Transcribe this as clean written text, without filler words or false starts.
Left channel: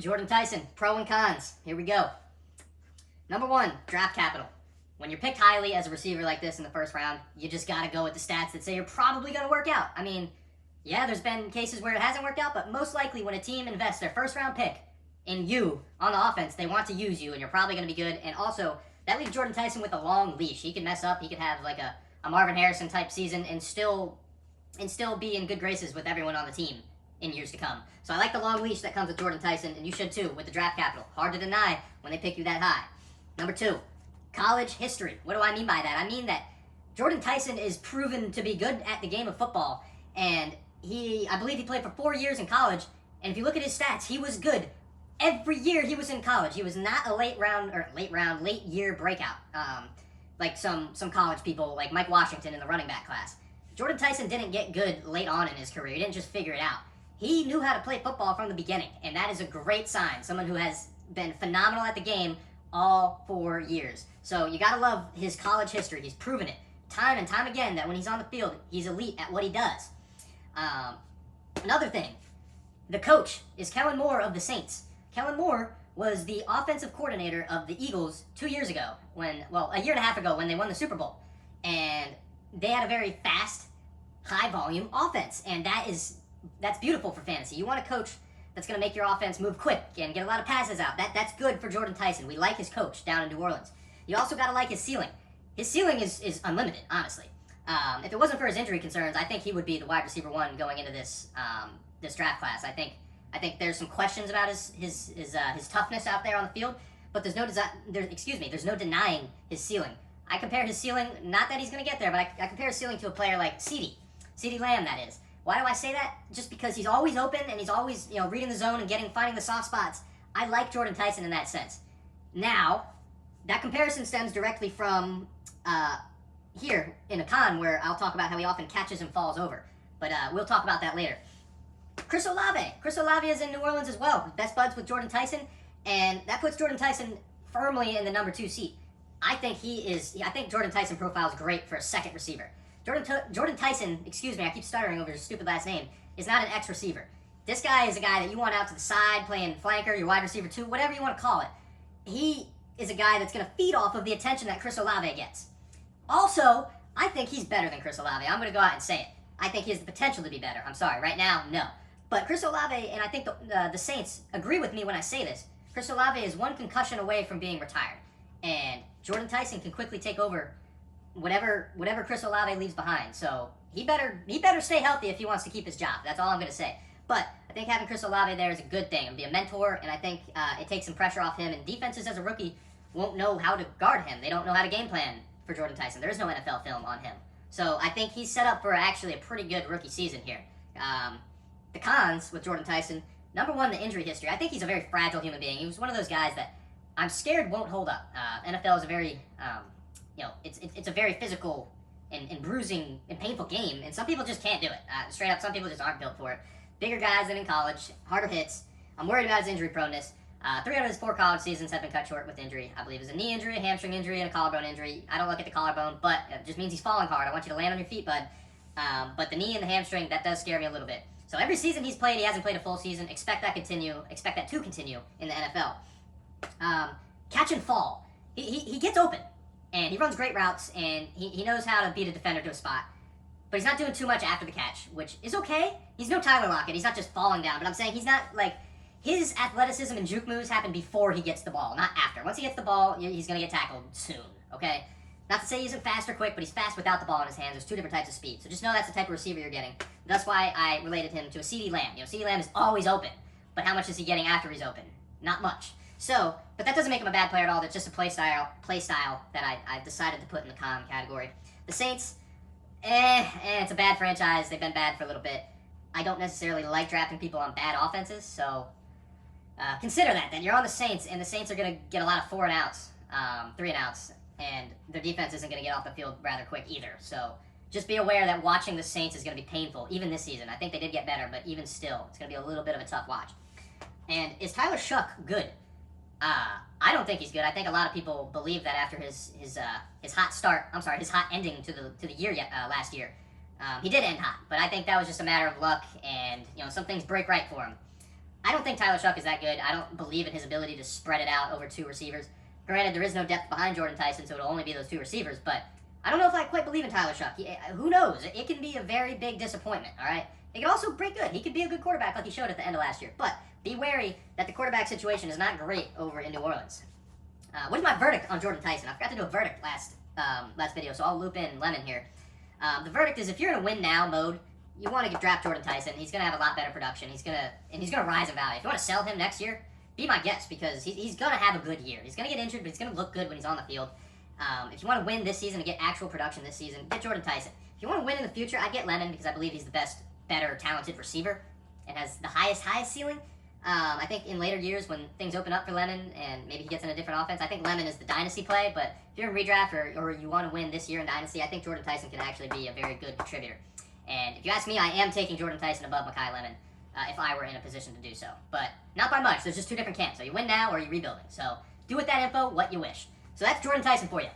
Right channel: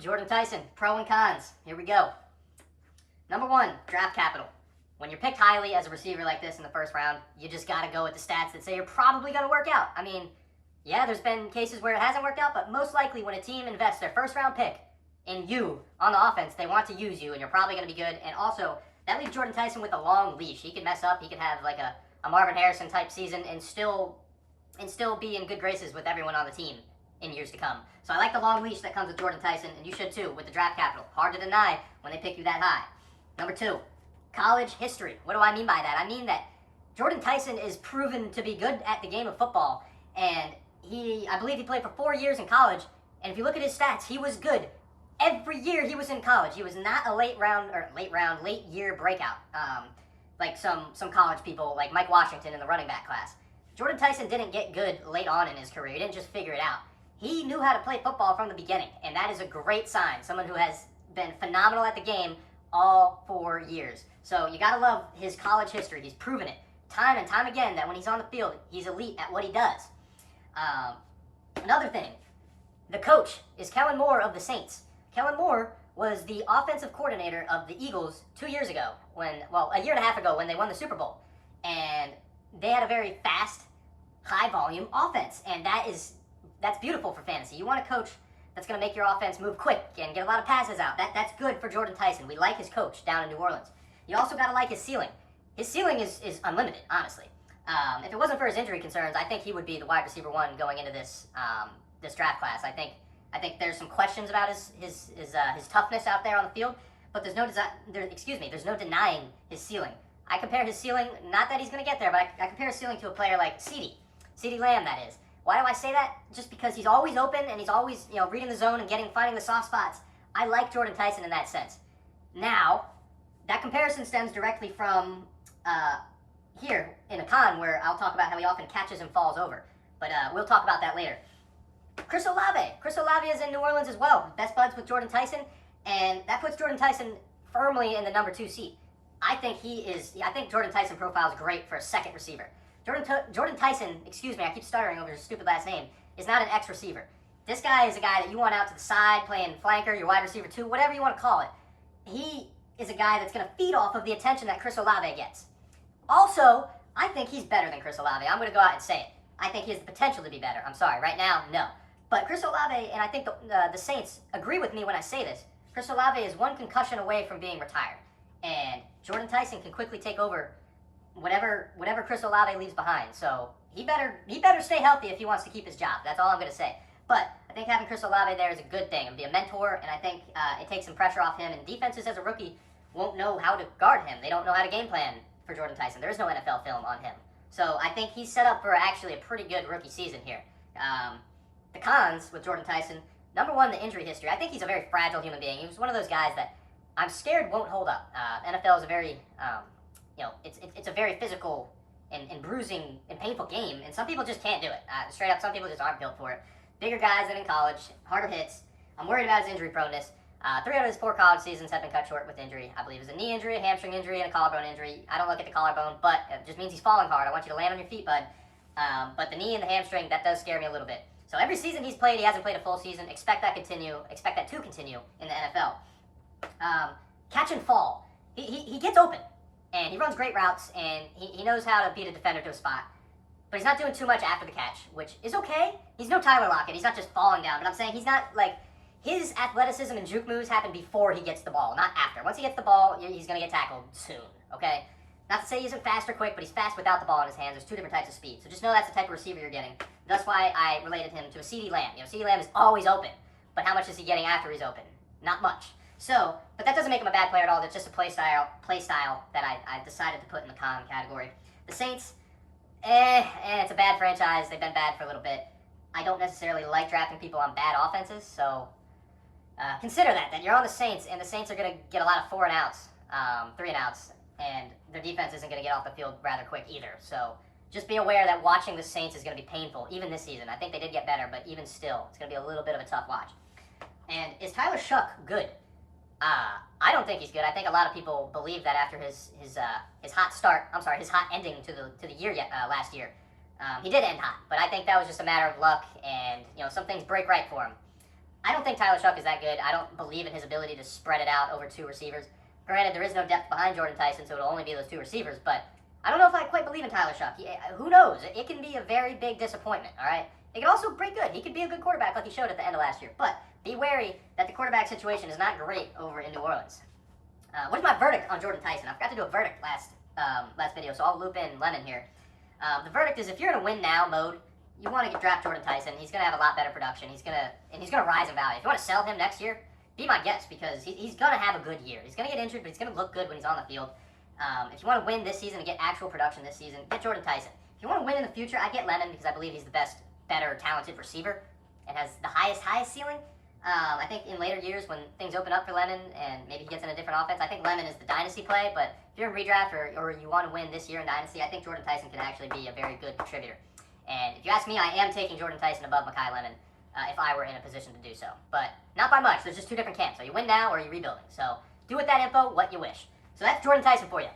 Jordyn Tyson, pro and cons. Here we go. Number one, draft capital. When you're picked highly as a receiver like this in the first round, you just got to go with the stats that say you're probably going to work out. I mean, yeah, there's been cases where it hasn't worked out, but most likely when a team invests their first round pick in you on the offense, they want to use you, and you're probably going to be good. And also, that leaves Jordyn Tyson with a long leash. He could mess up. He could have like a Marvin Harrison type season and still be in good graces with everyone on the team in years to come. So I like the long leash that comes with Jordyn Tyson, and you should too with the draft capital. Hard to deny when they pick you that high. Number two, college history. What do I mean by that? I mean that Jordyn Tyson is proven to be good at the game of football, and I believe he played for 4 years in college, and if you look at his stats, he was good every year he was in college. He was not a late year breakout, like some college people like Mike Washington in the running back class. Jordyn Tyson didn't get good late on in his career. He didn't just figure it out. He knew how to play football from the beginning, and that is a great sign. Someone who has been phenomenal at the game all 4 years. So you gotta love his college history. He's proven it time and time again that when he's on the field, he's elite at what he does. Another thing, the coach is Kellen Moore of the Saints. Kellen Moore was the offensive coordinator of the Eagles 2 years ago, a year and a half ago when they won the Super Bowl. And they had a very fast, high volume offense, and that's beautiful for fantasy. You want a coach that's going to make your offense move quick and get a lot of passes out. That's good for Jordyn Tyson. We like his coach down in New Orleans. You also got to like his ceiling. His ceiling is unlimited, honestly. If it wasn't for his injury concerns, I think he would be the wide receiver one going into this draft class. I think there's some questions about his toughness out there on the field, but there's no denying his ceiling. I compare his ceiling, not that he's going to get there, but I compare his ceiling to a player like CeeDee Lamb, that is. Why do I say that? Just because he's always open and he's always, reading the zone and finding the soft spots. I like Jordyn Tyson in that sense. Now, that comparison stems directly from here in a con where I'll talk about how he often catches and falls over. But we'll talk about that later. Chris Olave. Chris Olave is in New Orleans as well. Best buds with Jordyn Tyson, and that puts Jordyn Tyson firmly in the number 2 seat. I think Jordyn Tyson profiles great for a second receiver. Jordyn Tyson, I keep stuttering over his stupid last name, is not an X receiver. This guy is a guy that you want out to the side, playing flanker, your wide receiver 2, whatever you want to call it. He is a guy that's going to feed off of the attention that Chris Olave gets. Also, I think he's better than Chris Olave. I'm going to go out and say it. I think he has the potential to be better. I'm sorry, right now, no. But Chris Olave, and I think the Saints agree with me when I say this, Chris Olave is one concussion away from being retired. And Jordyn Tyson can quickly take over whatever Chris Olave leaves behind. So he better stay healthy if he wants to keep his job. That's all I'm going to say. But I think having Chris Olave there is a good thing and be a mentor, and I think it takes some pressure off him. And defenses as a rookie won't know how to guard him. They don't know how to game plan for Jordyn Tyson. There is no NFL film on him. So I think he's set up for actually a pretty good rookie season here. The cons with Jordyn Tyson, number one, the injury history. I think he's a very fragile human being. He was one of those guys that I'm scared won't hold up. NFL is a very, it's a very physical and bruising and painful game, and some people just can't do it. Straight up, some people just aren't built for it. Bigger guys than in college, harder hits. I'm worried about his injury proneness. 3 out of his 4 college seasons have been cut short with injury. I believe it's a knee injury, a hamstring injury, and a collarbone injury. I don't look at the collarbone, but it just means he's falling hard. I want you to land on your feet, bud. But the knee and the hamstring, that does scare me a little bit. So every season he's played, he hasn't played a full season. Expect that to continue in the NFL. Catch and fall. He gets open, and he runs great routes, and he knows how to beat a defender to a spot. But he's not doing too much after the catch, which is okay. He's no Tyler Lockett. He's not just falling down. But I'm saying he's not like... His athleticism and juke moves happen before he gets the ball, not after. Once he gets the ball, he's going to get tackled soon, okay? Not to say he isn't fast or quick, but he's fast without the ball in his hands. There's 2 different types of speed. So just know that's the type of receiver you're getting. That's why I related him to a CeeDee Lamb. CeeDee Lamb is always open. But how much is he getting after he's open? Not much. So, but that doesn't make him a bad player at all. It's just a play style that I decided to put in the con category. The Saints, it's a bad franchise. They've been bad for a little bit. I don't necessarily like drafting people on bad offenses, so... consider that you're on the Saints, and the Saints are going to get a lot of 4 and outs, 3 and outs, and their defense isn't going to get off the field rather quick either. So just be aware that watching the Saints is going to be painful, even this season. I think they did get better, but even still, it's going to be a little bit of a tough watch. And is Tyler Shuck good? I don't think he's good. I think a lot of people believe that after his hot ending to the year last year. He did end hot, but I think that was just a matter of luck, and some things break right for him. I don't think Tyler Shuck is that good. I don't believe in his ability to spread it out over 2 receivers. Granted, there is no depth behind Jordyn Tyson, so it'll only be those 2 receivers, but I don't know if I quite believe in Tyler Shuck. Who knows? It can be a very big disappointment, all right? It can also break good. He could be a good quarterback like he showed at the end of last year, but be wary that the quarterback situation is not great over in New Orleans. What is my verdict on Jordyn Tyson? I forgot to do a verdict last video, so I'll loop in Lemon here. The verdict is if you're in a win now mode, you want to draft Jordyn Tyson. He's going to have a lot better production. He's going to rise in value. If you want to sell him next year, be my guest because he's going to have a good year. He's going to get injured, but he's going to look good when he's on the field. If you want to win this season and get actual production this season, get Jordyn Tyson. If you want to win in the future, I get Lemon because I believe he's the best, better, talented receiver and has the highest ceiling. I think in later years when things open up for Lemon and maybe he gets in a different offense, I think Lemon is the dynasty play. But if you're in redraft or you want to win this year in dynasty, I think Jordyn Tyson can actually be a very good contributor. And if you ask me, I am taking Jordyn Tyson above Makai Lemon if I were in a position to do so. But not by much. There's just 2 different camps. So you win now or you're rebuilding. So do with that info what you wish. So that's Jordyn Tyson for you.